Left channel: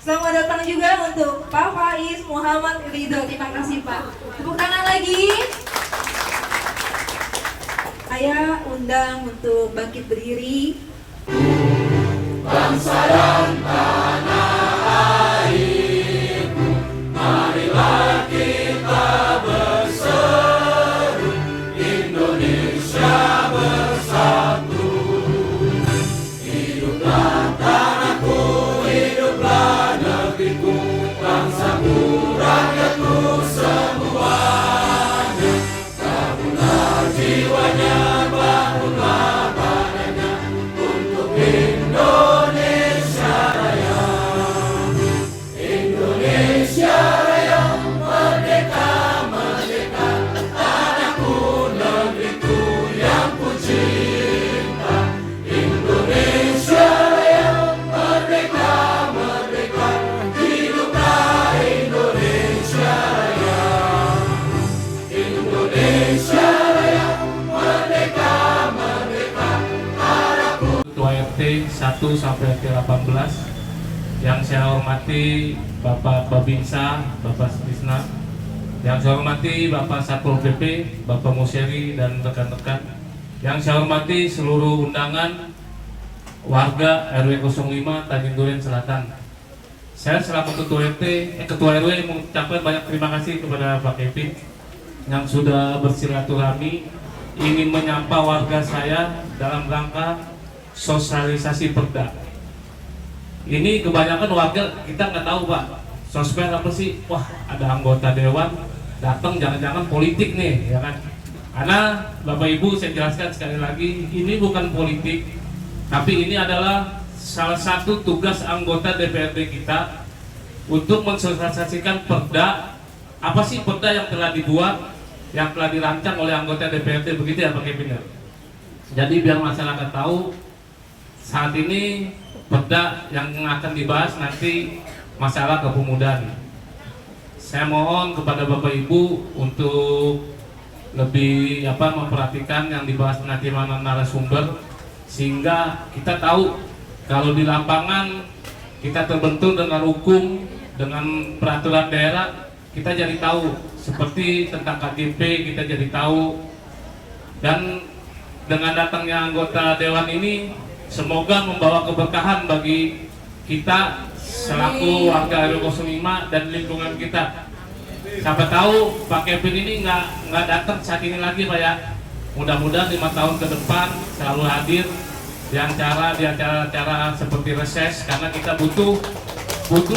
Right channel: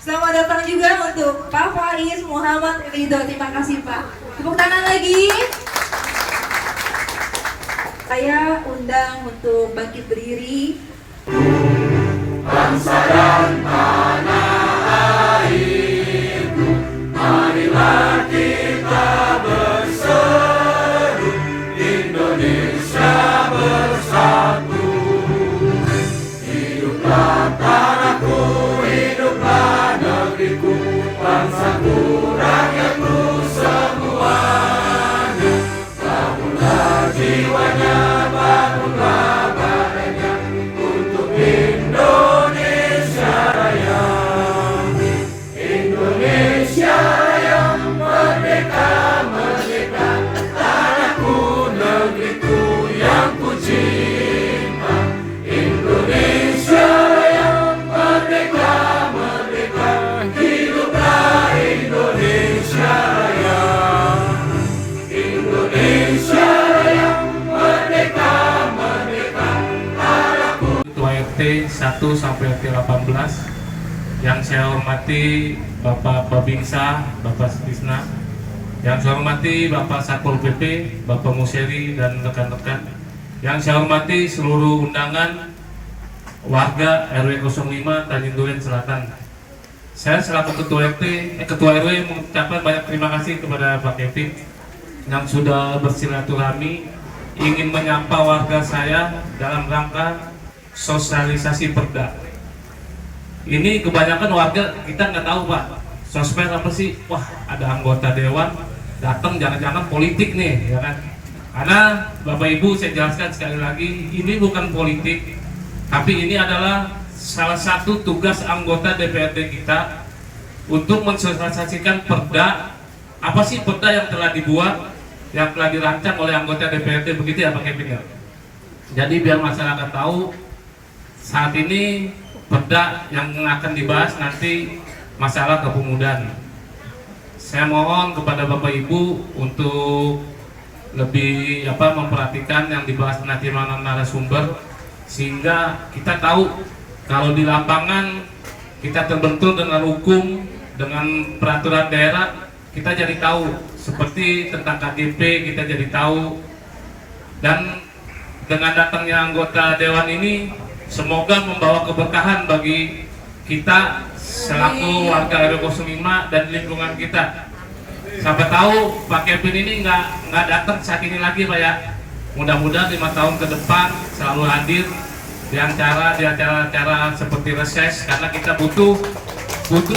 Selamat datang juga untuk Pak Faiz Muhammad Ridho. Terima kasih Pak. Tepuk tangan lagi. Saya undang untuk bangkit berdiri. Bangsa dan tanah airku, marilah kita berseru, Indonesia bersatu. Hiduplah tanahku, hiduplah negeriku, bangsaku, rakyatku semuanya. Bangunlah jiwanya, bangunlah badannya untuk Indonesia Raya. Indonesia yang merdeka, merdeka, tanahku, negeriku yang ku cinta. Indonesia yang merdeka, merdeka, hiduplah Indonesia Raya. Indonesia yang merdeka, merdeka, tanahku. Ketua RT 1 sampai RT 18 yang saya hormati Bapak Babinsa, Bapak Sutisna, yang saya hormati Bapak Satpol PP, Bapak Museri dan rekan-rekan, yang saya hormati seluruh undangan warga RW 05 Tanjung Duren Selatan. Saya selaku Ketua RW mengucapkan banyak terima kasih kepada Pak Kevin yang sudah bersilaturahmi ingin menyapa warga saya dalam rangka sosialisasi perda. Ini kebanyakan warga kita nggak tahu Pak, sosmed apa sih? Wah, ada anggota dewan datang, jangan-jangan politik nih, ya kan? Karena Bapak Ibu saya jelaskan sekali lagi, ini bukan politik, tapi ini adalah salah satu tugas anggota DPRD kita untuk mensosialisasikan perda. Apa sih perda yang telah dibuat, yang telah dirancang oleh anggota DPRD, begitu ya Pak Kevin ya? Jadi biar masyarakat tahu, saat ini perda yang akan dibahas nanti masalah kepemudaan. Saya mohon kepada Bapak Ibu untuk lebih memperhatikan yang dibahas nanti mana narasumber, sehingga kita tahu kalau di lapangan kita terbentur dengan hukum, dengan peraturan daerah, kita jadi tahu. Seperti tentang KGP kita jadi tahu. Dan dengan datangnya anggota dewan ini, semoga membawa keberkahan bagi kita selaku warga RW 05 dan lingkungan kita. Siapa tahu Pak Kevin ini nggak datang saat ini lagi Pak ya. Mudah-mudahan 5 tahun ke depan selalu hadir di acara-acara seperti reses, karena kita butuh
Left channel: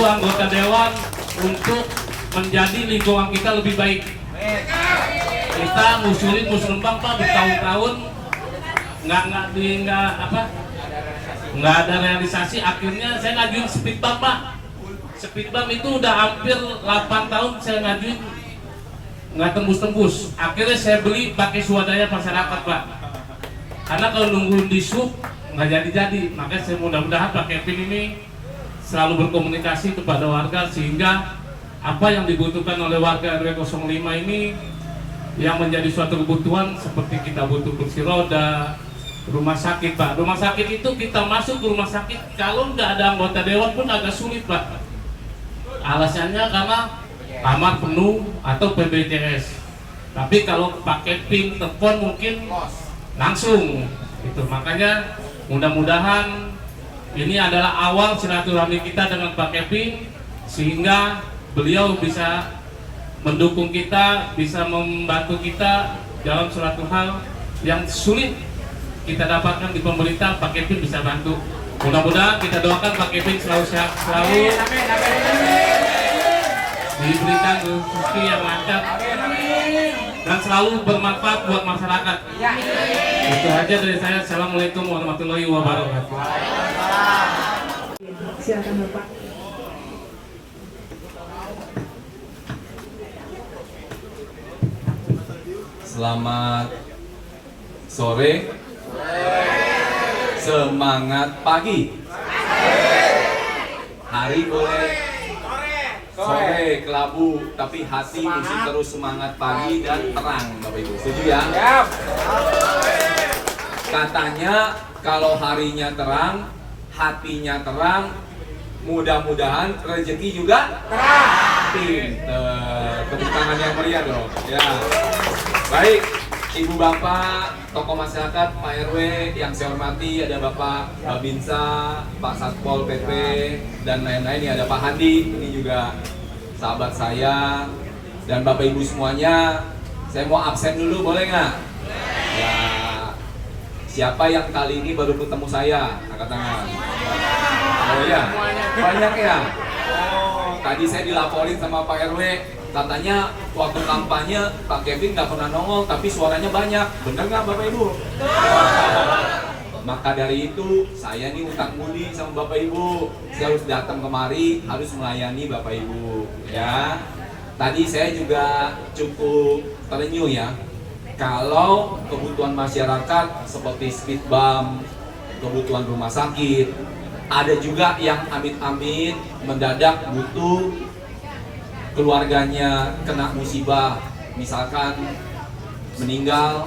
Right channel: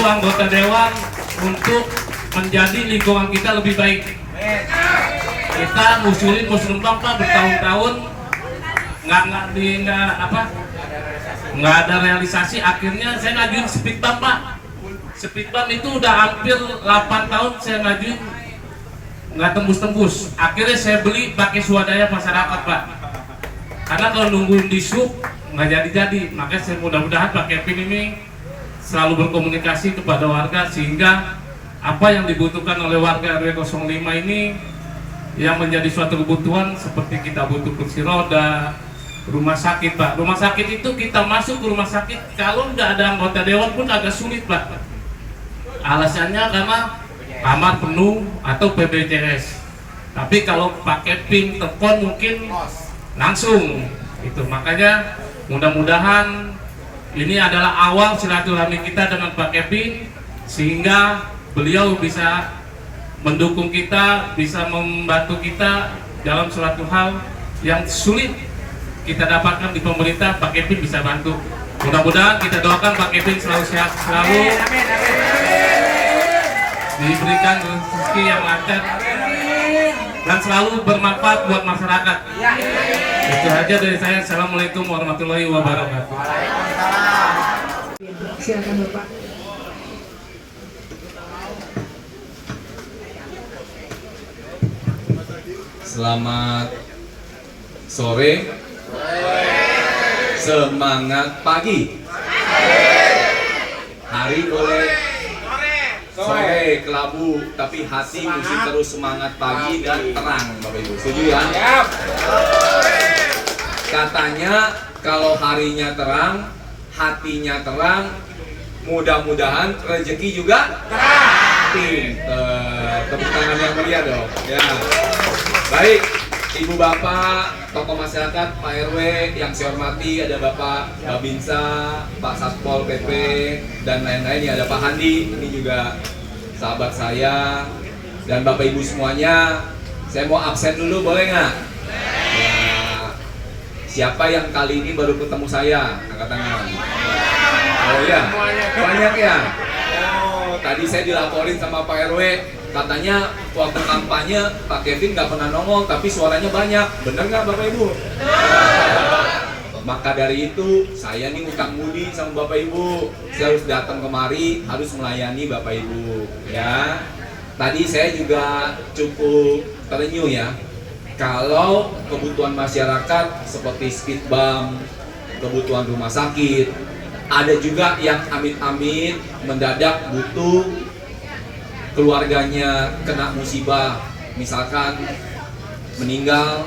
anggota dewan untuk menjadi lingkungan kita lebih baik. Kita ngusulin musrembang Pak bertahun-tahun nggak ada realisasi. Akhirnya saya ngajuin speed bump Pak. Speed bump itu udah hampir 8 tahun saya ngajuin, nggak tembus-tembus. Akhirnya saya beli pakai swadaya masyarakat Pak. Karena kalau nungguin di sub nggak jadi-jadi. Makanya saya mudah-mudahan Pak Kevin ini selalu berkomunikasi kepada warga, sehingga apa yang dibutuhkan oleh warga RW 05 ini yang menjadi suatu kebutuhan, seperti kita butuh kursi roda, rumah sakit Pak. Rumah sakit itu kita masuk ke rumah sakit, kalau nggak ada anggota dewan pun agak sulit Pak. Alasannya karena kamar penuh atau PBJS. Tapi kalau pakai ping telepon mungkin langsung itu. Makanya mudah-mudahan ini adalah awal silaturahmi kita dengan Pak Kevin, sehingga beliau bisa mendukung kita, bisa membantu kita dalam suatu hal yang sulit kita dapatkan di pemerintah. Pak Kevin bisa bantu. Mudah-mudahan kita doakan Pak Kevin selalu sehat, selalu diberikan rezeki yang lancar dan selalu bermanfaat buat masyarakat. Itu aja dari saya. Assalamualaikum warahmatullahi wabarakatuh. Silakan Bapak. Selamat sore. Semangat pagi. Hari boleh sore kelabu, tapi hati mesti terus semangat pagi dan terang, Bapak Ibu. Setuju ya? Katanya kalau harinya terang, hatinya terang, mudah-mudahan rezeki juga pinter. Tepuk tangan yang meriah dong. Ya. Baik, Ibu Bapak, tokoh masyarakat, Pak RW yang saya hormati, ada Bapak Babinsa, Pak Satpol PP, dan lain-lain. Ada Pak Handi, ini juga sahabat saya, dan Bapak Ibu semuanya. Saya mau absen dulu, boleh nggak? Ya. Siapa yang kali ini baru ketemu saya? Angkat tangan. Oh iya, banyak ya? Oh, tadi saya dilaporin sama Pak RW, katanya waktu kampanye Pak Kevin nggak pernah nongol, tapi suaranya banyak. Bener nggak Bapak Ibu? Maka dari itu, saya nih utang budi sama Bapak Ibu. Saya harus datang kemari, harus melayani Bapak Ibu. Ya, tadi saya juga cukup terenyuh ya. Kalau kebutuhan masyarakat seperti speed bump, kebutuhan rumah sakit, ada juga yang amit-amit mendadak butuh keluarganya kena musibah, misalkan meninggal,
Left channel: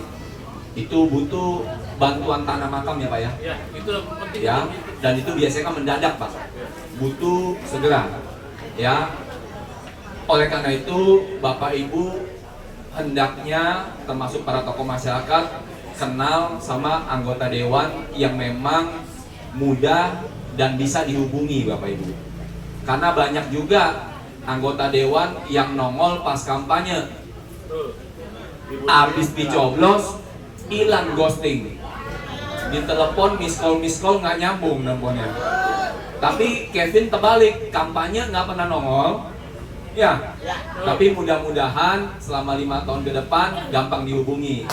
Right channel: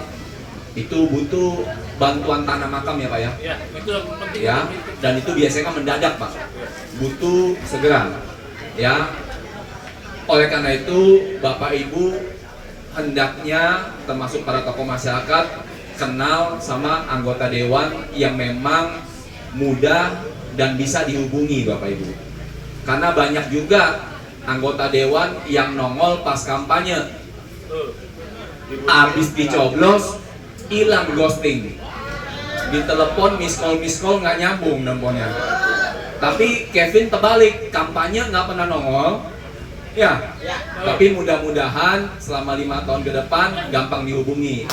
itu butuh bantuan tanah makam ya Pak ya? Ya, itu yang penting. Ya, dan itu biasanya kan mendadak Pak, butuh segera. Ya, oleh karena itu Bapak Ibu hendaknya termasuk para tokoh masyarakat kenal sama anggota dewan yang memang mudah dan bisa dihubungi Bapak Ibu. Karena banyak juga anggota dewan yang nongol pas kampanye, habis dicoblos hilang, ghosting, ditelepon miss call nggak nyambung nelponnya. Tapi Kevin terbalik, kampanye nggak pernah nongol ya, tapi mudah-mudahan selama 5 tahun ke depan gampang dihubungi.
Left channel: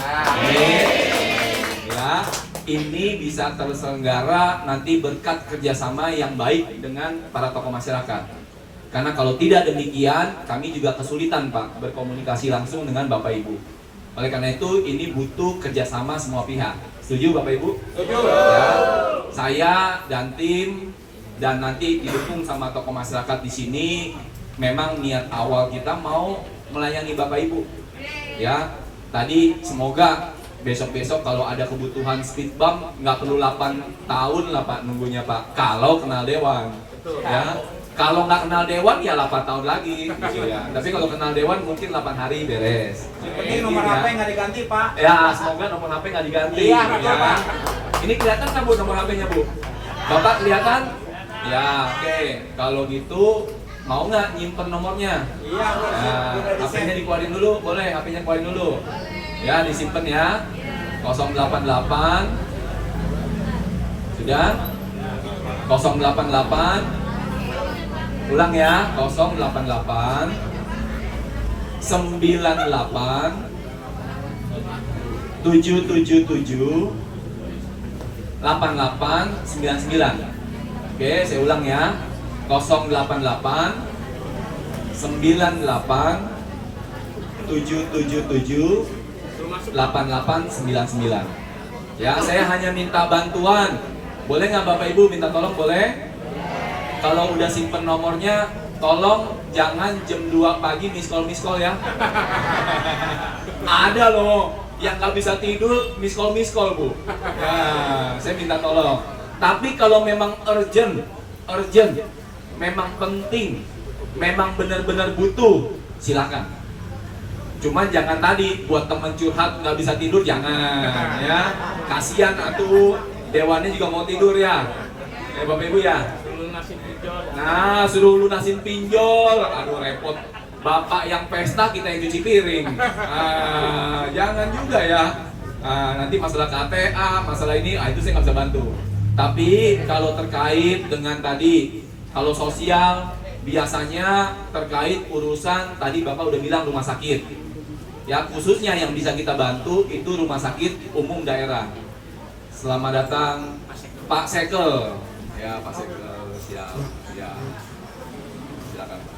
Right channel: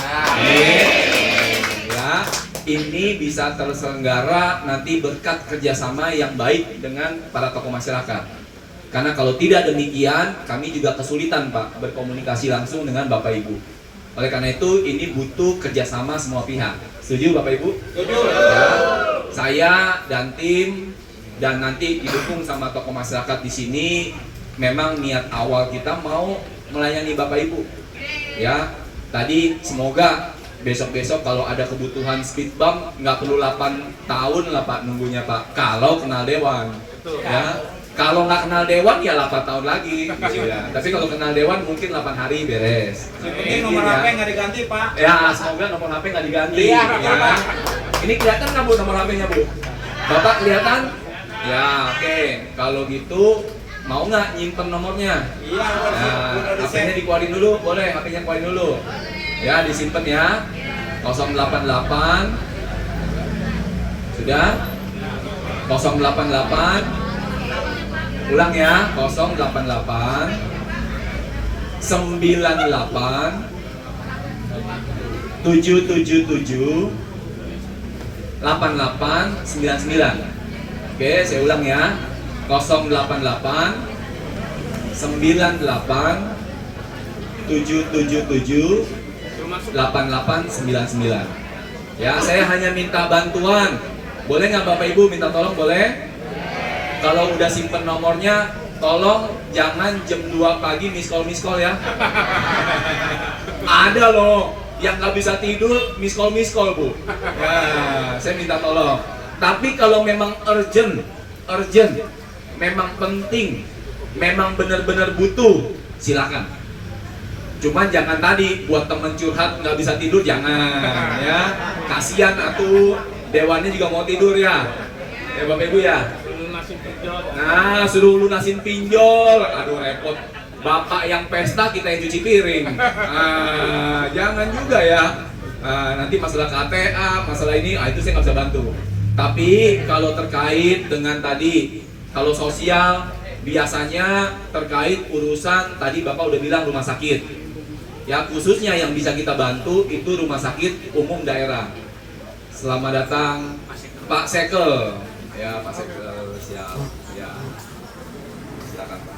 Ya, ini bisa terselenggara nanti berkat kerjasama yang baik dengan para tokoh masyarakat. Karena kalau tidak demikian, kami juga kesulitan Pak berkomunikasi langsung dengan Bapak Ibu. Oleh karena itu, ini butuh kerjasama semua pihak. Setuju Bapak Ibu? Setuju. Ya, saya dan tim dan nanti didukung sama tokoh masyarakat di sini. Memang niat awal kita mau melayani Bapak Ibu. Ya, tadi semoga besok-besok kalau ada kebutuhan speed bump nggak perlu 8 tahun lah Pak nunggunya Pak. Kalau kenal dewan. Ya. Kalau nggak kenal dewan ya 8 tahun lagi gitu ya. Tapi kalau kenal dewan mungkin 8 hari beres. Ini nomor HP nggak diganti Pak. Ya, semoga nomor HP nggak diganti. Iya. Ya. Ini kelihatan kan Bu nomor HP-nya Bu? Bapak kelihatan? Ya, oke. Kalau gitu mau nggak nyimpen nomornya? Iya. Nah, HP-nya dikeluarin dulu, boleh HP-nya keluarin dulu. Ya, disimpan ya. 088. Sudah? 088. Ulang ya. 088 98 777 8899. Oke, saya ulang ya. 088 98 777 8899. Ya, saya hanya minta bantuan. Boleh nggak Bapak Ibu minta tolong? Boleh? Kalau udah simpen nomornya, tolong jangan jam 2 pagi miss call ya. Ada loh yang nggak bisa tidur miss call Bu. Nah, saya minta tolong. Tapi kalau memang urgent, memang penting, memang benar-benar butuh, silakan. Cuman jangan tadi buat temen curhat nggak bisa tidur, jangan ya. Kasihan atuh, dewannya juga mau tidur ya. Ya Bapak Ibu ya. Nah, suruh lunasin pinjol. Aduh repot. Bapak yang pesta, kita yang cuci piring. Jangan juga ya. Nanti masalah KTA, masalah ini, itu saya nggak bisa bantu. Tapi kalau terkait dengan tadi, kalau sosial, biasanya terkait urusan tadi Bapak udah bilang rumah sakit. Ya, khususnya yang bisa kita bantu itu rumah sakit umum daerah. Selamat datang Pak Sekel. Ya, Pak Sekel, siap. Ya. Silakan Pak.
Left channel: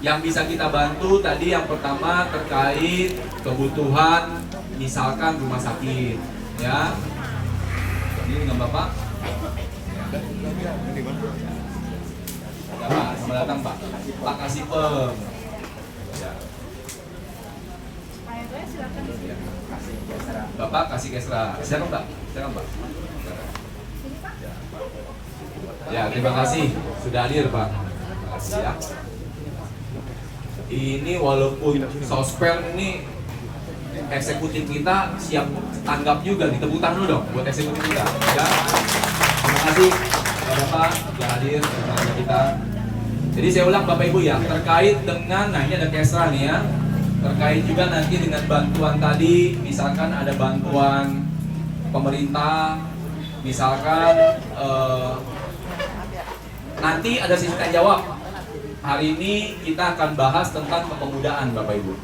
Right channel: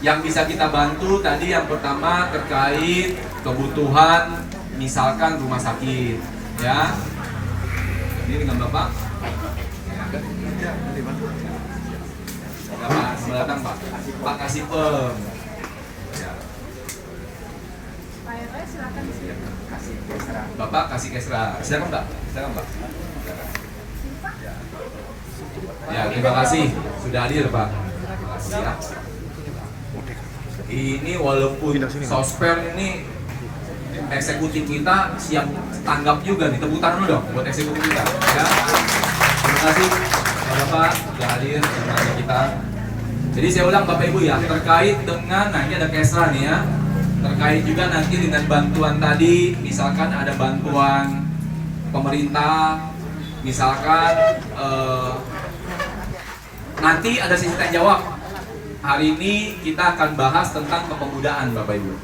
Yang bisa kita bantu tadi yang pertama terkait kebutuhan misalkan rumah sakit, ya. Ini dengan Bapak. Ya, Pak, selamat datang Pak. Pak Kasipem. Ya. Silakan. Bapak kasih Kesra. Silakan Pak. Silakan Pak. Ya, terima kasih sudah hadir Pak. Terima kasih ya. Ini walaupun sosper ini eksekutif kita siap tanggap juga nih, tepuk tangan dulu dong buat eksekutif kita ya. Terima kasih Bapak sudah hadir bersama kita. Jadi saya ulang Bapak Ibu ya, terkait dengan, nah ini ada Kesra nih ya, terkait juga nanti dengan bantuan tadi, misalkan ada bantuan pemerintah, misalkan nanti ada sesi tanya jawab. Hari ini kita akan bahas tentang kepemudaan Bapak Ibu.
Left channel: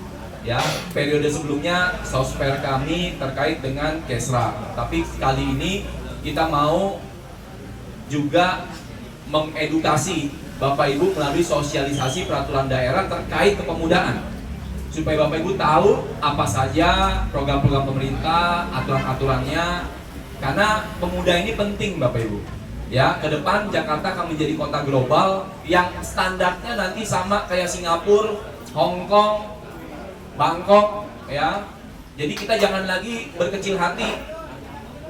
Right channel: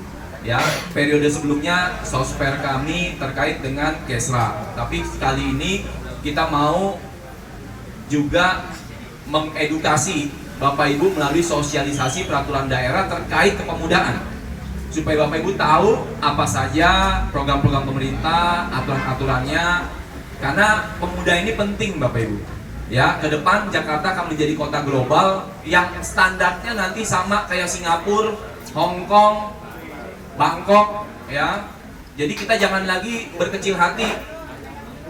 Ya, periode sebelumnya sosper kami terkait dengan Kesra. Tapi kali ini kita mau juga mengedukasi Bapak Ibu melalui sosialisasi peraturan daerah terkait kepemudaan. Supaya Bapak Ibu tahu apa saja program-program pemerintah, aturan-aturannya. Karena pemuda ini penting Bapak Ibu. Ya, ke depan Jakarta akan menjadi kota global yang standarnya nanti sama kayak Singapura, Hong Kong, Bangkok, ya. Jadi kita jangan lagi berkecil hati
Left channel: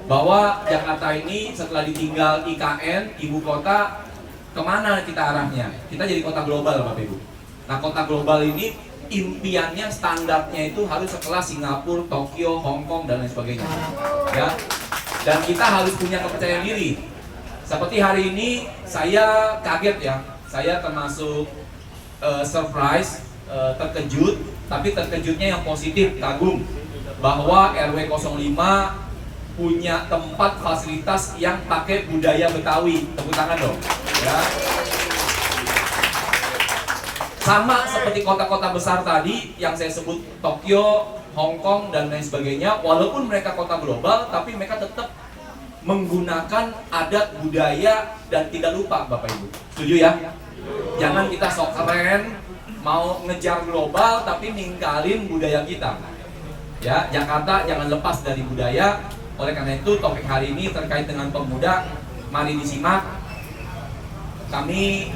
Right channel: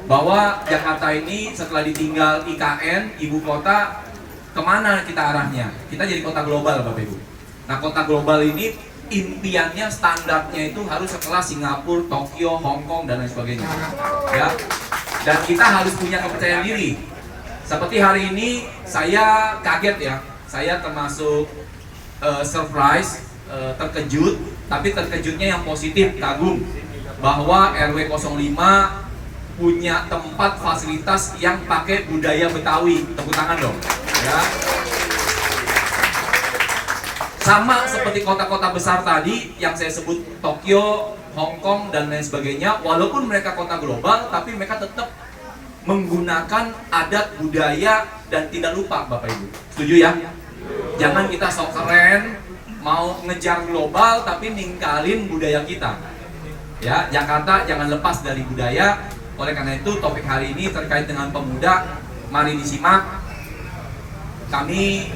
bahwa Jakarta ini setelah ditinggal IKN, ibu kota, kemana kita arahnya? Kita jadi kota global Bapak Ibu. Nah, kota global ini impiannya standarnya itu harus sekelas Singapura, Tokyo, Hong Kong dan lain sebagainya. Ya. Dan kita harus punya kepercayaan diri. Seperti hari ini saya kaget ya, saya termasuk surprise, terkejut, tapi terkejutnya yang positif, kagum bahwa RW 05 punya tempat fasilitas yang pakai budaya Betawi. Tepuk tangan dong ya. Sama seperti kota-kota besar tadi yang saya sebut Tokyo, Hong Kong dan lain sebagainya, walaupun mereka kota global tapi mereka tetap menggunakan adat budaya dan tidak lupa Bapak Ibu. Setuju ya? Jangan kita sok keren mau ngejar global tapi ninggalin budaya kita. Ya, Jakarta jangan lepas dari budaya. Oleh karena itu topik hari ini terkait dengan pemuda, mari disimak. Kami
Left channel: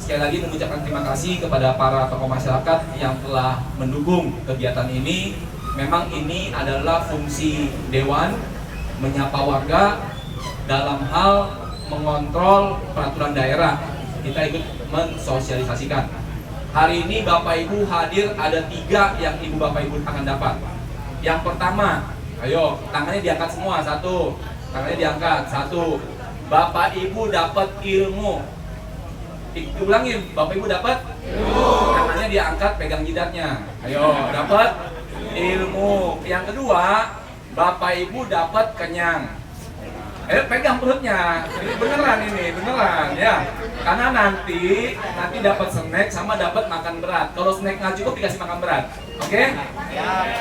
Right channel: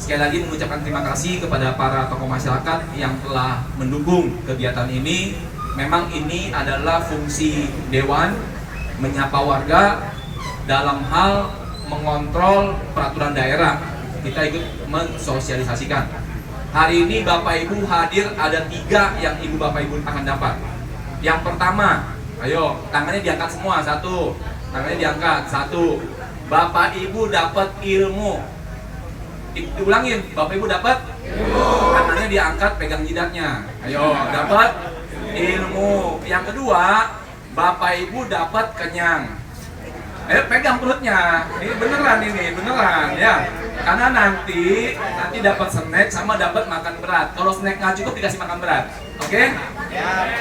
sekali lagi mengucapkan terima kasih kepada para tokoh masyarakat yang telah mendukung kegiatan ini. Memang ini adalah fungsi dewan, menyapa warga dalam hal mengontrol peraturan daerah. Kita ikut mensosialisasikan. Hari ini Bapak Ibu hadir ada 3 yang Ibu Bapak Ibu akan dapat. Yang pertama, ayo tangannya diangkat semua, 1. Tangannya diangkat, 1. Bapak Ibu dapat ilmu. Diulangin, Bapak Ibu dapat ilmu. Tangannya diangkat, pegang jidatnya. Ayo, dapat ilmu. Yang kedua, Bapak Ibu dapat kenyang. Ayo pegang perutnya. Ini beneran ya. Karena nanti dapat snack sama dapat makan berat. Kalau snack nggak cukup dikasih makan berat. Oke?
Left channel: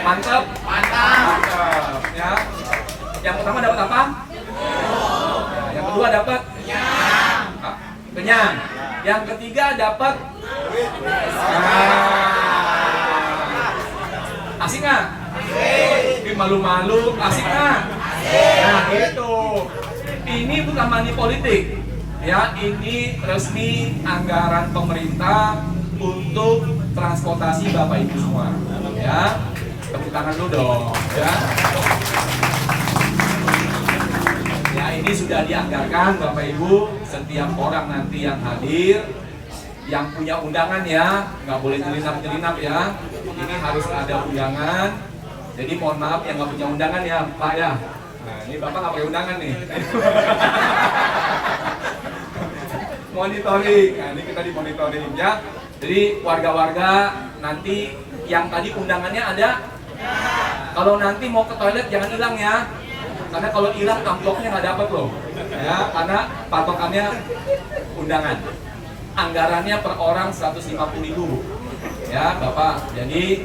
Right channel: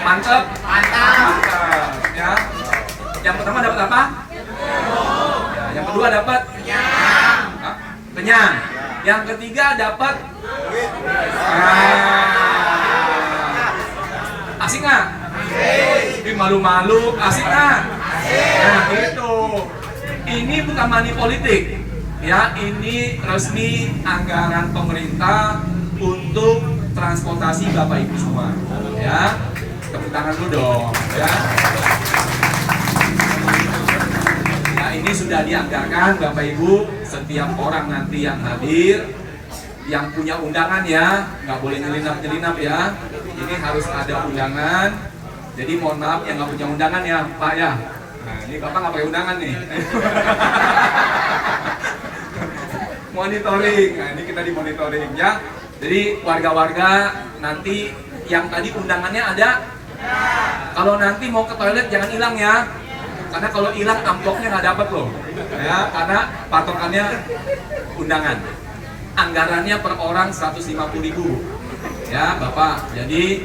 Mantap? Mantap. Ya. Yang pertama dapat apa? Ya, yang kedua dapat kenyang. Kenyang. Yang ketiga dapat asik nggak? Ini malu-malu, asik kan? Nah gitu. Ini bukan money politik, ya. Ini resmi anggaran pemerintah untuk transportasi Bapak Ibu semua, ya. Tepuk tangan dulu dong, ya. Ya ini sudah dianggarkan Bapak Ibu. Setiap orang nanti yang hadir, yang punya undangan ya, nggak boleh nyelinap ya. Ini harus ada undangan. Jadi mohon maaf yang nggak punya undangan ya Pak ya. Nah ini Bapak nggak pakai undangan nih. Monitoring, nah ini kita dimonitoring ya. Jadi warga-warga nanti yang tadi undangannya ada. Kalau nanti mau ke toilet jangan hilang ya. Karena kalau hilang amplopnya nggak dapat loh. Ya, karena patokannya undangan. Anggarannya per orang 150.000. Ya Bapak, jadi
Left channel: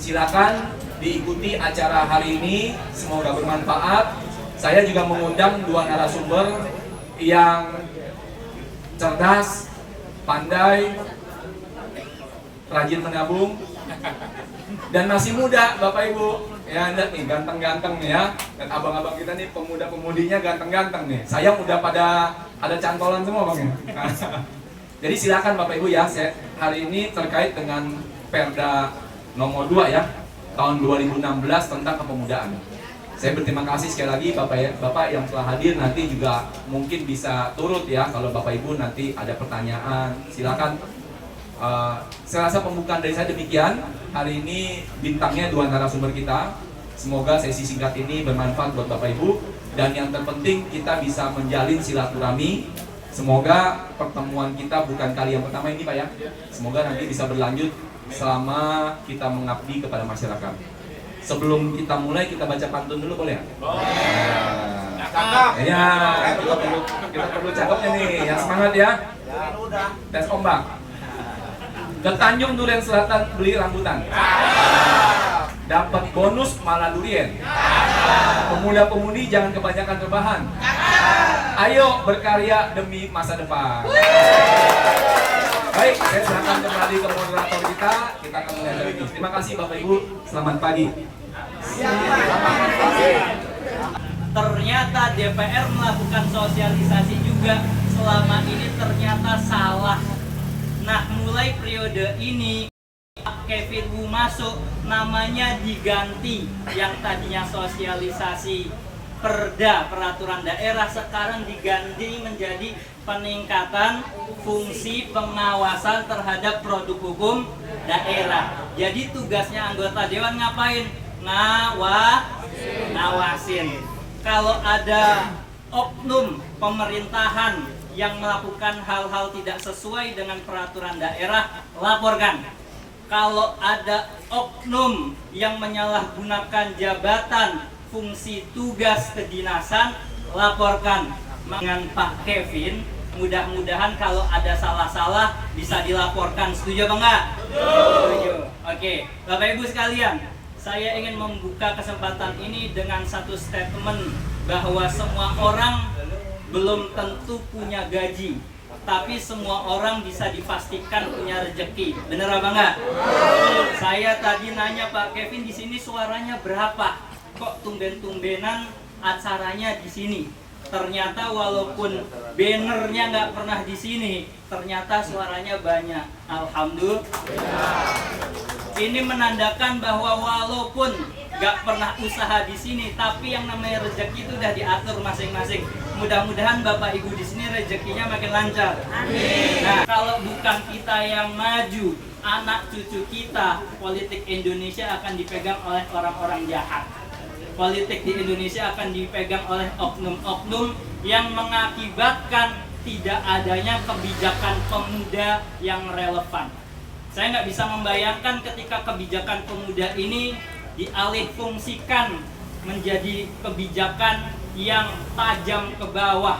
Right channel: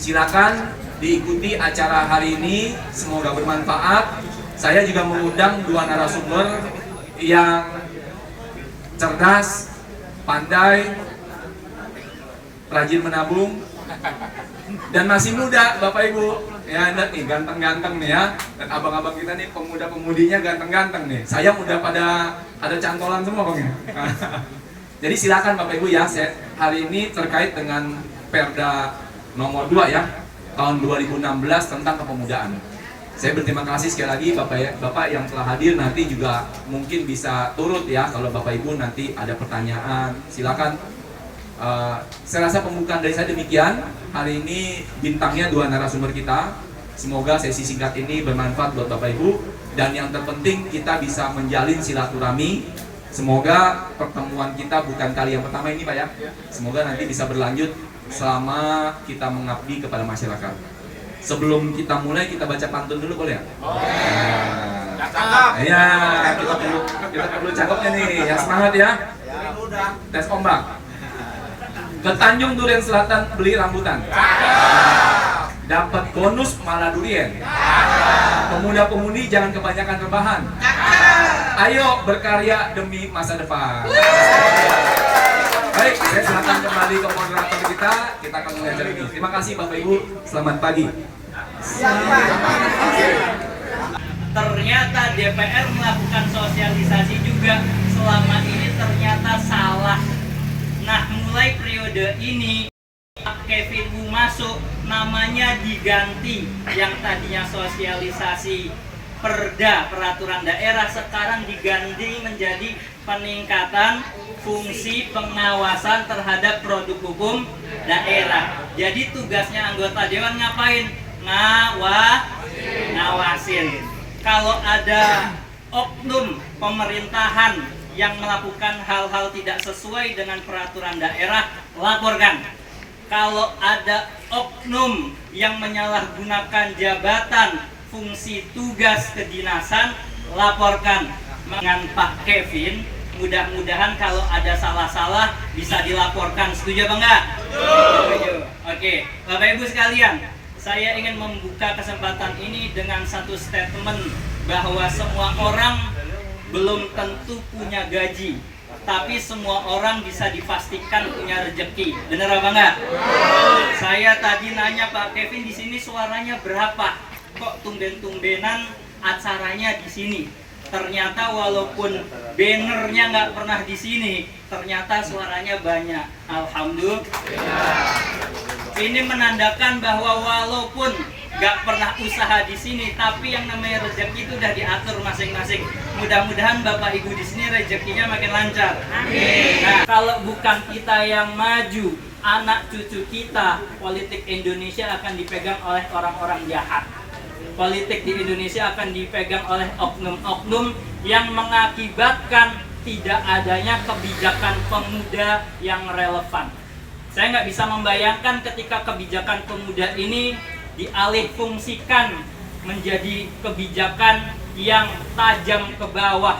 silakan diikuti acara hari ini, semoga bermanfaat. Saya juga mengundang 2 narasumber yang cerdas, pandai, rajin menabung, dan masih muda Bapak Ibu. Ya lihat nih, ganteng-ganteng nih ya. Dan abang-abang kita nih pemuda-pemudinya ganteng-ganteng nih. Sayang udah pada ada cantolan semua Bang ya. Jadi silakan Bapak Ibu ya, hari ini terkait dengan Perda nomor 2 ya, tahun 2016 tentang kepemudaan. Saya berterima kasih sekali lagi Bapak yang telah hadir, nanti juga mungkin bisa turut ya kalau Bapak Ibu nanti ada pertanyaan, silakan. Saya rasa pembukaan dari saya demikian. Hari ini bintangnya 2 narasumber kita. Semoga sesi singkat ini bermanfaat buat Bapak Ibu, dan yang terpenting kita bisa menjalin silaturahmi. Semoga pertemuan kita bukan kali yang pertama ini Pak ya. Semoga nanti bisa berlanjut selama kita mengabdi kepada masyarakat. Sebelum kita mulai, kita baca pantun dulu boleh ya? Iya, kita perlu cakepnya nih, yang semangat ya. Tes ombak. Ke Tanjung Duren Selatan beli rambutan. Dapat bonus malah durian. Pemuda-pemudi jangan kebanyakan rebahan. Ayo berkarya demi masa depan. Baik, saya silakan kembali ke moderator kita akan mulai acara ini. Terima kasih Bapak Ibu, selamat pagi. Ternyata DPR melakukan sosialisasi juga selama ini ternyata salah. Nah, mulai periode ini Pak Kevin Wu masuk, namanya diganti. Yang tadinya sosialisasi perda peraturan daerah sekarang diganti menjadi peningkatan fungsi pengawasan terhadap produk hukum daerah. Jadi tugasnya anggota dewan ngapain? Ngawasin. Kalau ada oknum pemerintahan yang melakukan hal-hal tidak sesuai dengan peraturan daerah, laporkan. Kalau ada oknum yang menyalahgunakan jabatan, fungsi tugas kedinasan, laporkan. Dengan Pak Kevin, mudah-mudahan kalau ada salah-salah bisa dilaporkan. Setuju apa enggak? Setuju. Oke, Bapak Ibu sekalian, saya ingin membuka kesempatan ini dengan satu statement bahwa semua orang belum tentu punya gaji, tapi semua orang bisa dipastikan punya rezeki. Bener apa enggak? Saya tadi nanya Pak Kevin, di sini suaranya berapa? Kok tumben-tumbenan acaranya di sini? Ternyata walaupun bannernya nggak pernah di sini, ternyata suaranya banyak. Alhamdulillah. Ini menandakan bahwa walaupun nggak pernah usaha di sini, tapi yang namanya rezeki itu udah diatur masing-masing. Mudah-mudahan Bapak Ibu di sini rezekinya makin lancar. Amin. Nah, kalau bukan kita yang maju, anak cucu kita, politik Indonesia akan dipegang oleh orang-orang jahat. Politik di Indonesia akan dipegang oleh oknum-oknum yang mengakibatkan tidak adanya kebijakan pemuda yang relevan. Saya nggak bisa membayangkan ketika kebijakan pemuda ini dialihfungsikan menjadi kebijakan yang tajam ke bawah,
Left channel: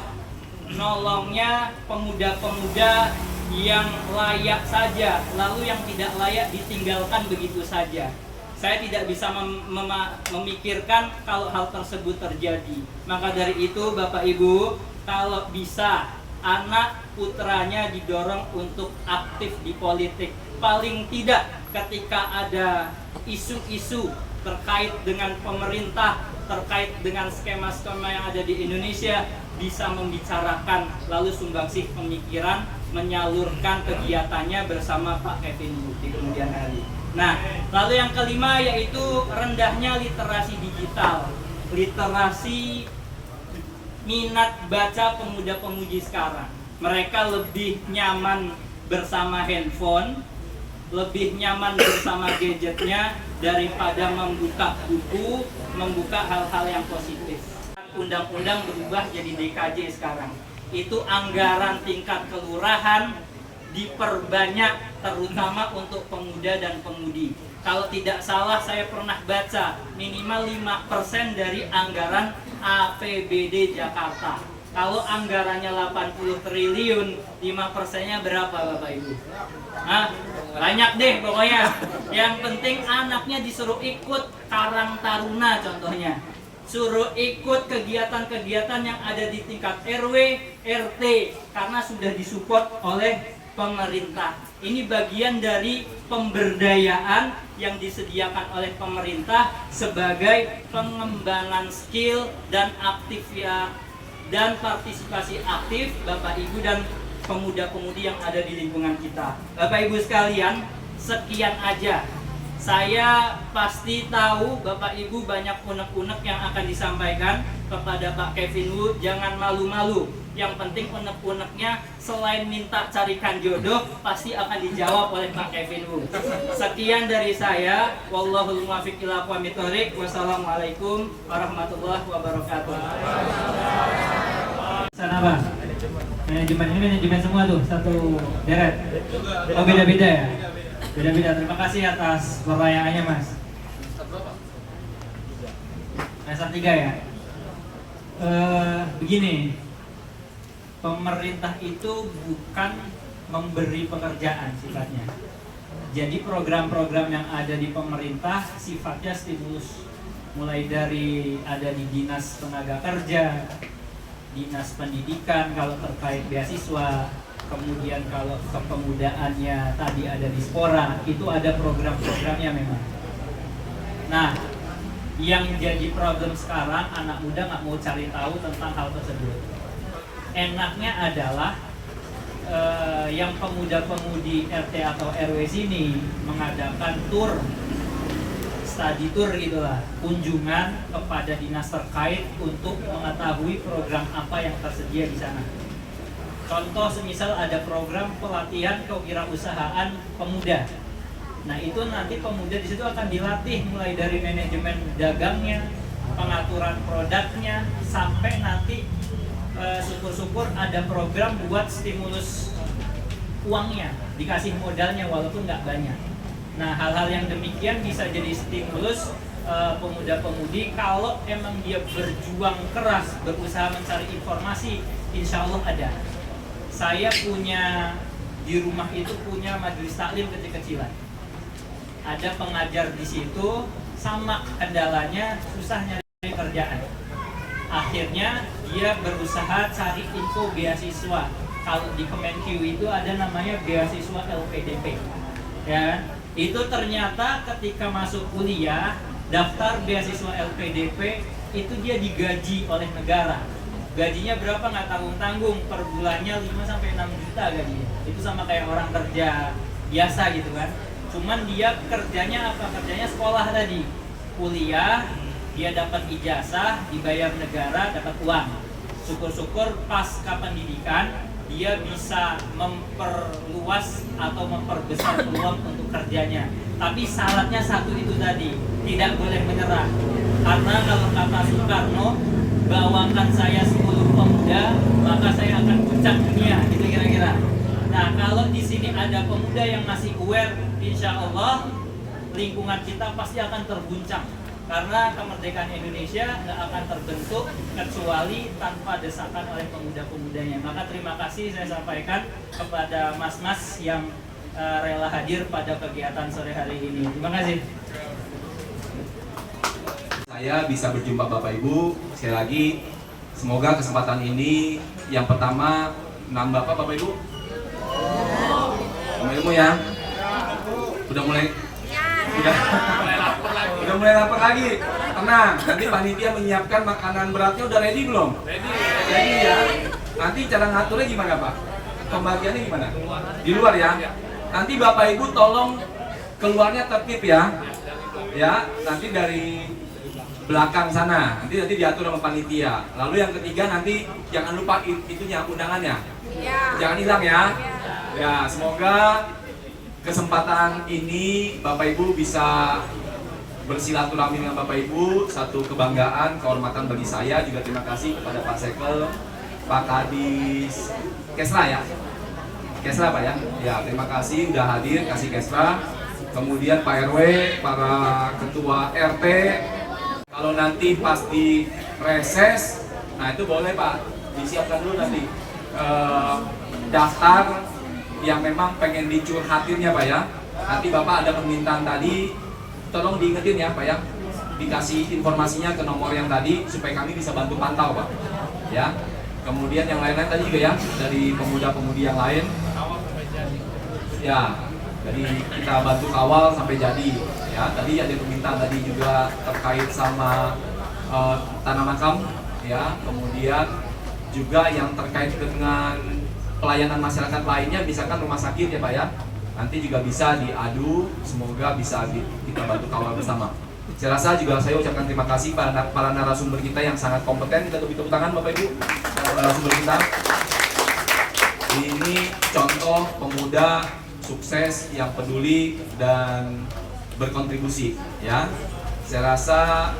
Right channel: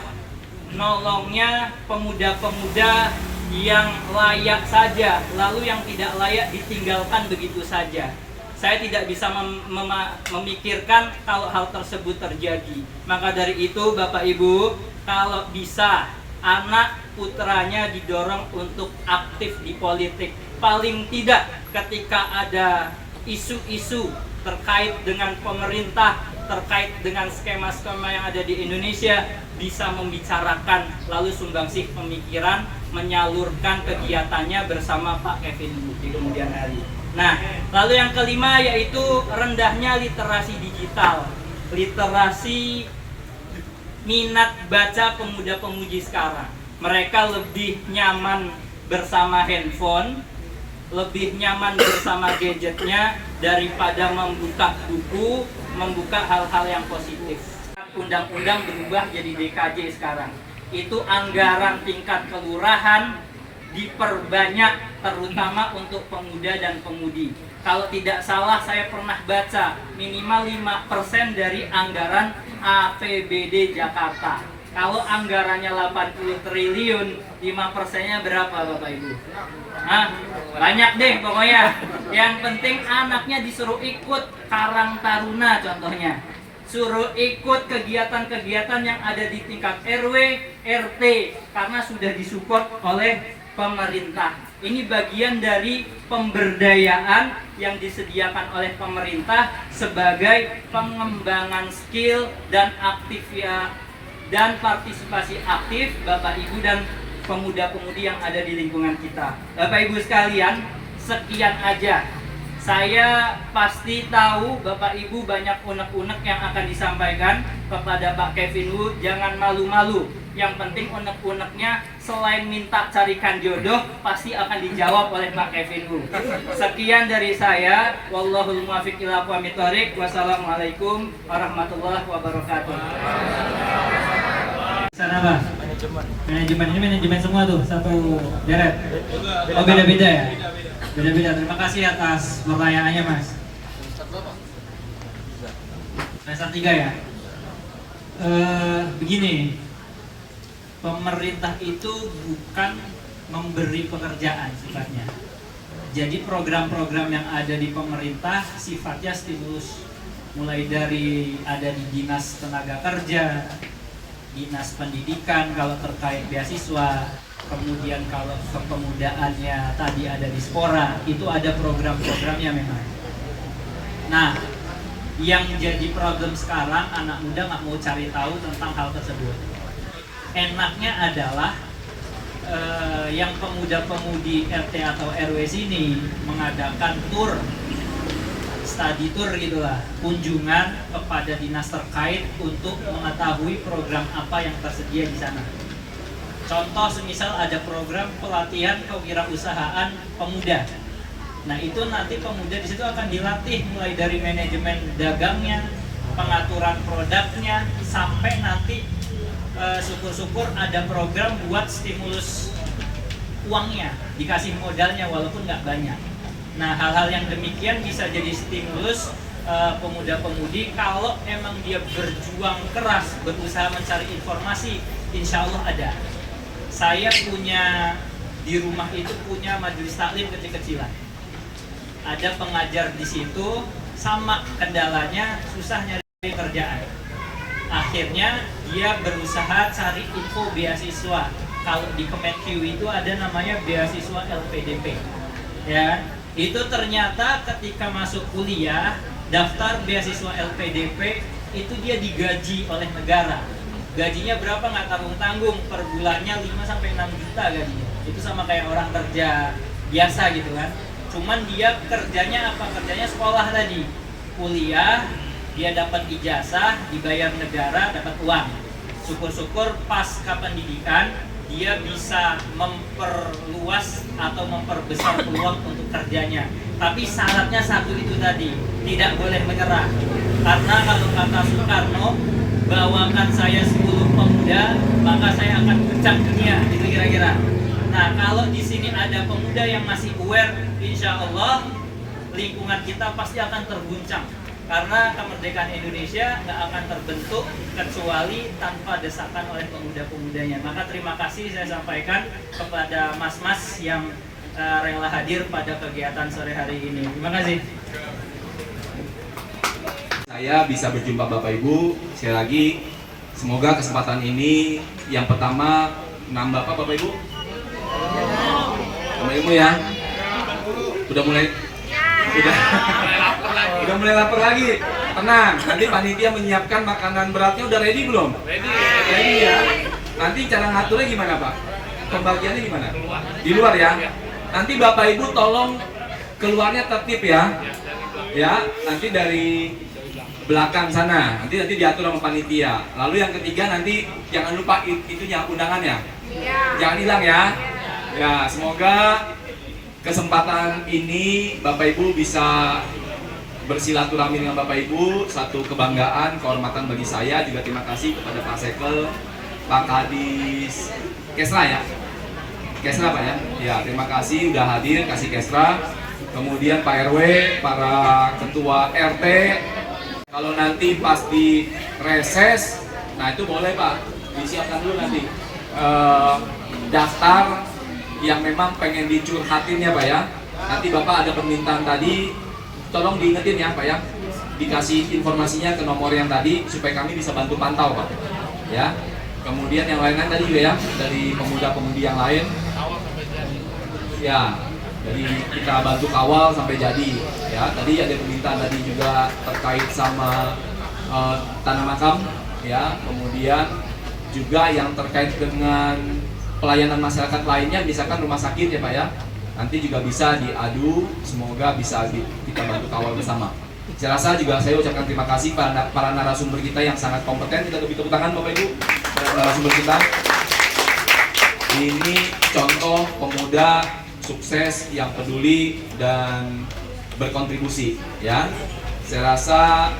nolongnya pemuda-pemuda yang layak saja, lalu yang tidak layak ditinggalkan begitu saja. Saya tidak bisa memikirkan kalau hal tersebut terjadi. Maka dari itu Bapak Ibu, kalau bisa anak putranya didorong untuk aktif di politik. Paling tidak ketika ada isu-isu terkait dengan pemerintah, terkait dengan skema-skema yang ada di Indonesia, bisa membicarakan lalu sumbangsih pemikiran, menyalurkan kegiatannya bersama Pak Kevin Wu di kemudian hari. Nah, lalu yang kelima yaitu rendahnya literasi digital. Literasi minat baca pemuda-pemudi sekarang. Mereka lebih nyaman bersama handphone, lebih nyaman bersama gadgetnya daripada membuka buku, membuka hal-hal yang positif. Undang-undang berubah jadi DKJ sekarang. Itu anggaran tingkat kelurahan diperbanyak terutama untuk pemuda dan pemudi. Kalau tidak salah saya pernah baca minimal 5% dari anggaran APBD Jakarta. Kalau anggarannya 80 triliun, 5%-nya berapa Bapak Ibu? Hah? Banyak deh pokoknya. Yang penting anaknya disuruh ikut Karang Taruna contohnya. Suruh ikut kegiatan-kegiatan yang ada di tingkat RW, RT karena sudah disupport oleh pemerintah. Ini bagian dari pemberdayaan yang disediakan oleh pemerintah sebagai pengembangan skill dan dan partisipasi aktif Bapak Ibu dan pemuda-pemudi yang ada di lingkungan kita. Bapak Ibu sekalian, sekian aja Saya pasti tahu Bapak Ibu banyak unek-unek yang akan disampaikan kepada Pak Kevin Wu. Jangan malu-malu. Yang penting unek-uneknya selain minta carikan jodoh pasti akan dijawab oleh Pak Kevin Wu. Sekian dari saya. Wallahul muwaffiq ila aqwamit thoriq. Wassalamualaikum warahmatullahi wabarakatuh. Sana Bang. Manajemen ini manajemen semua tuh, satu deret. Oh beda-beda ya? Beda-beda. Terima kasih atas pertanyaannya Mas. Semester 3 ya? Begini, pemerintah itu bukan memberi pekerjaan sifatnya. Jadi program-program yang ada di pemerintah sifatnya stimulus. Mulai dari ada di Dinas Tenaga Kerja, Dinas Pendidikan kalau terkait beasiswa, kemudian kalau kepemudaannya tadi ada di Spora, itu ada program-programnya memang. Nah, yang jadi problem sekarang anak muda nggak mau cari tahu tentang hal tersebut. Enaknya adalah yang pemuda-pemudi RT atau RW sini mengadakan tour, study tour gitulah, kunjungan kepada dinas terkait untuk mengetahui program apa yang tersedia di sana. Contoh semisal ada program pelatihan kewirausahaan pemuda. Nah itu nanti pemuda di situ akan dilatih mulai dari manajemen dagangnya, pengaturan produknya, sampai nanti syukur-syukur ada program buat stimulus uangnya, dikasih modalnya walaupun nggak banyak. Nah hal-hal yang demikian bisa jadi stimulus pemuda-pemudi kalau emang dia berjuang keras, berusaha mencari informasi, insya Allah ada. Saya punya di rumah itu punya majelis taklim kecil-kecilan. Ada pengajar di situ, sama kendalanya susah nyari pekerjaan. Akhirnya dia berusaha cari info beasiswa. Kalau di Kemenq itu ada namanya beasiswa LPDP. Ya, itu ternyata ketika masuk kuliah, daftar beasiswa LPDP itu dia digaji oleh negara. Gajinya berapa nggak tanggung-tanggung, per bulannya 5-6 juta gajinya. Itu sama kayak orang kerja biasa gitu kan. Cuman dia kerjanya apa? Kerjanya sekolah tadi. Kuliah, dia dapat ijazah, dibayar negara, dapat uang. Syukur-syukur pasca pendidikan dia bisa memperluas atau memperbesar peluang untuk kerjanya. Tapi syaratnya satu itu tadi, tidak boleh menyerah. Karena kalau kata Soekarno, bawakan saya 10 pemuda, maka saya akan pecah dunia, itu kira-kira. Nah, kalau di sini ada pemuda yang masih aware, insya Allah lingkungan kita pasti akan terguncang. Karena kemerdekaan Indonesia nggak akan terbentuk kecuali tanpa desakan oleh pemuda-pemudanya. Maka terima kasih saya sampaikan kepada mas-mas yang rela hadir pada kegiatan sore hari ini. Terima kasih. Saya bisa berjumpa Bapak Ibu sekali lagi. Semoga kesempatan ini yang pertama nambah apa Bapak Ibu? Sama ilmu ya. Udah mulai udah mulai lapar lagi. Tenang, nanti panitia menyiapkan makanan beratnya udah ready belum? Ready ya. Nanti cara ngaturnya gimana Pak? Pembagiannya gimana? Di luar ya. Nanti Bapak Ibu tolong keluarnya tertib ya. Ya, nanti dari belakang sana, nanti diatur sama panitia. Lalu yang ketiga nanti jangan lupa itunya undangannya, jangan hilang ya. Ya semoga kesempatan ini Bapak Ibu bisa bersilaturahmi dengan Bapak Ibu, satu kebanggaan, kehormatan bagi saya. Juga terima kasih kepada Pak Sekel, Pak Kadis, Kesra ya, Kesra Pak ya. Ya terima kasih udah hadir, kasih Kesra. Kemudian Pak RW, para ketua RT. Kalau nanti pas di reses, nah itu boleh Pak, disiapkan dulu nanti daftar yang memang pengen dicurhatinnya Pak ya. Nanti Bapak ada permintaan tadi, tolong diingetin ya Pak ya, dikasih informasinya ke nomor yang tadi supaya kami bisa bantu pantau Pak ya. Kemudian yang lain-lain tadi juga ya, dari pemuda-pemudi yang lain ya, jadi kita bantu kawal sampai jadi ya. Tadi ada permintaan tadi juga terkait sama tanah makam ya, kemudian juga yang terkait dengan pelayanan masyarakat lainnya, misalkan rumah sakit ya Pak ya. nanti juga bisa diadu, semoga bisa kita bantu kawal bersama. Saya rasa juga saya ucapkan terima kasih para narasumber kita yang sangat kompeten. Kita beri tepuk tangan Bapak Ibu para narasumber kita. Ini contoh pemuda sukses yang peduli dan berkontribusi, ya. Saya rasa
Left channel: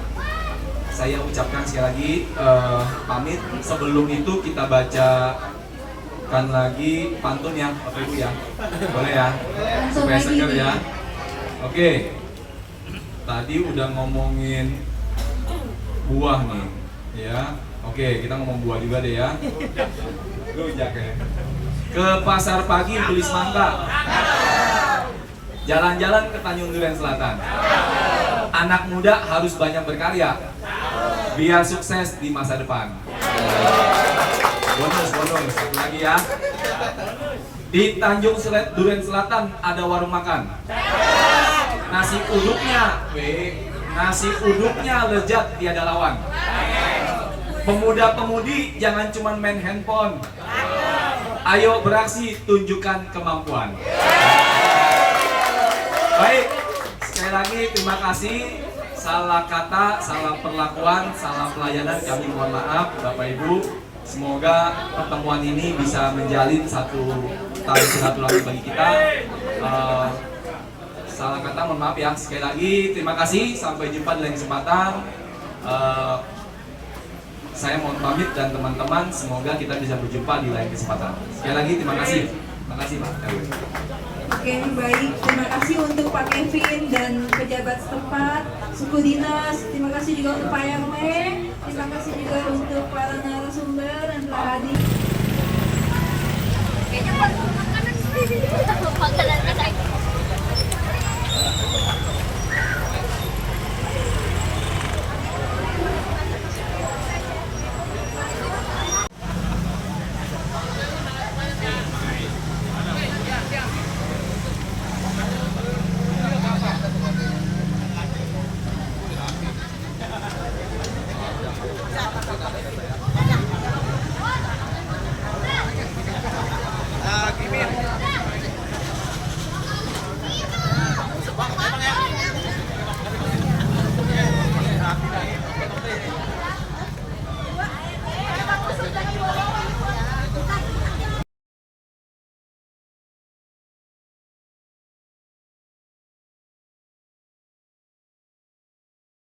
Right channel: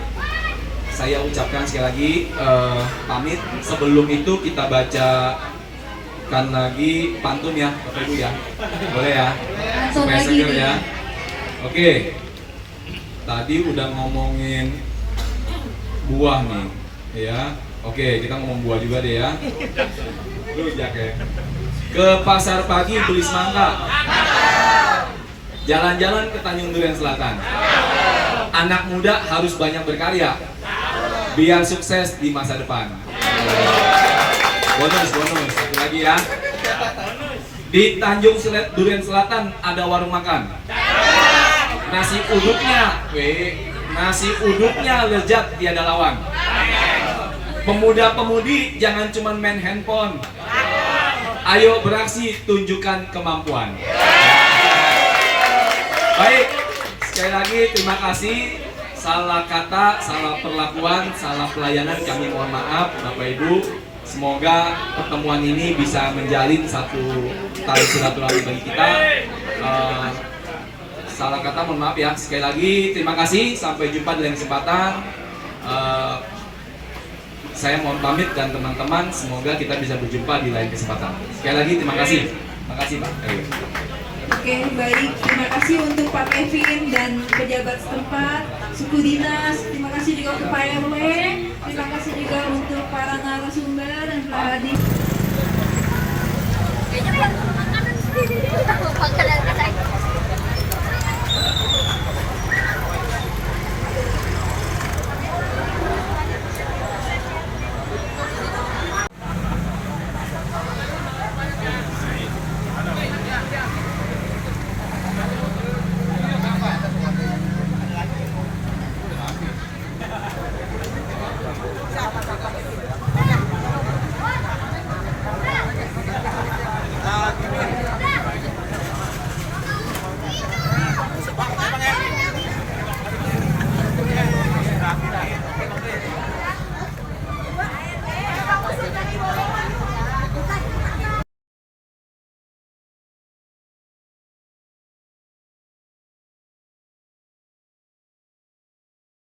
saya ucapkan sekali lagi pamit. Sebelum itu kita bacakan lagi pantun ya, Bapak Ibu ya. Boleh ya? Langsung Supaya lagi seger nih. ya. Oke. Tadi udah ngomongin buah nih, ya. Oke, kita ngomong buah juga deh ya. Rujak ya. Ke pasar pagi beli semangka. Jalan-jalan ke Tanjung Duren Selatan. Anak muda harus banyak berkarya biar sukses di masa depan. Bonus, satu lagi ya. Di Tanjung Duren Selatan ada warung makan. Nasi uduknya lezat tiada lawan. Pemuda-pemudi jangan cuma main handphone. Ayo beraksi, tunjukkan kemampuan. Baik, sekali lagi terima kasih. Salah kata, salah perlakuan, salah pelayanan kami mohon maaf Bapak Ibu. Semoga pertemuan ini bisa menjalin satu tali silaturahmi bagi kita. Salah kata mohon maaf ya. Sekali lagi terima kasih. Sampai jumpa di lain kesempatan. Saya mohon pamit dan teman-teman, semoga kita bisa berjumpa di lain kesempatan. Sekali lagi terima kasih. Terima kasih Pak. Oke, baik. Terima kasih untuk Pak Kevin dan pejabat setempat, suku dinas. Terima kasih juga untuk Pak RW. Terima kasih juga untuk para narasumber yang telah hadir. Makanan